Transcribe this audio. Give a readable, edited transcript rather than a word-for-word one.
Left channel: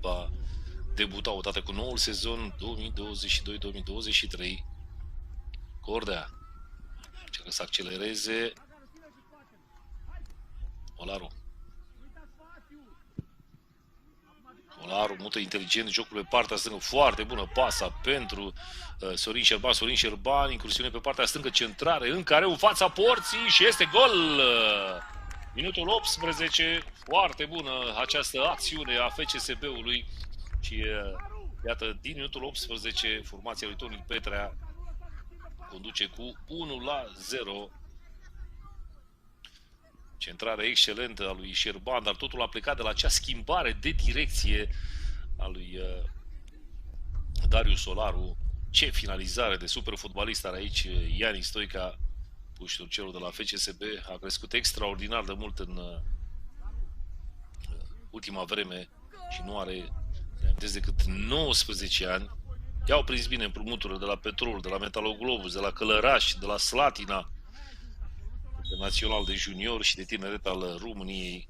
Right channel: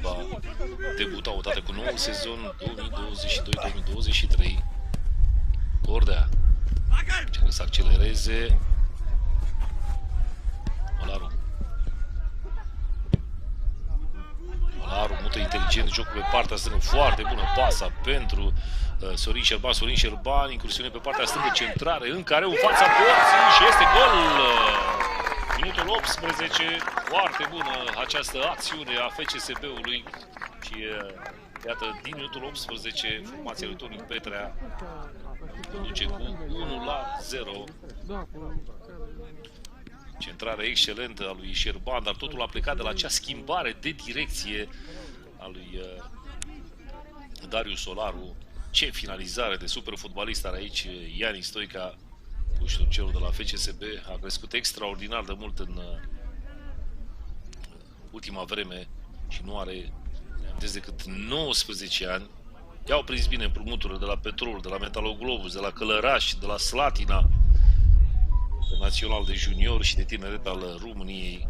va debuta odată cu noul sezon 2022-2023. Cordea încearcă să accelereze. Olaru mută inteligent jocul pe partea stângă, foarte bună pasa pentru Sorin Șerban. Sorin Șerban, incursiune pe partea stângă, centrare în care în fața porții și este gol! Minutul 18, foarte bună această acțiune a FCSB-ului și iată, din minutul 18, formația lui Toni Petrea conduce cu 1-0. Centrare excelentă a lui Șerban, dar totul a plecat de la acea schimbare de direcție a lui Darius Olaru. Ce finalizare de super fotbalist are aici Iani Stoica, puștorcelul de la FCSB. A crescut extraordinar de mult în ultima vreme și nu are decât 19 ani. I-au prins bine împrumuturile de la Petrol, de la Metaloglobus, de la Călăraș, de la Slatina, de național de junior și de tineret al României.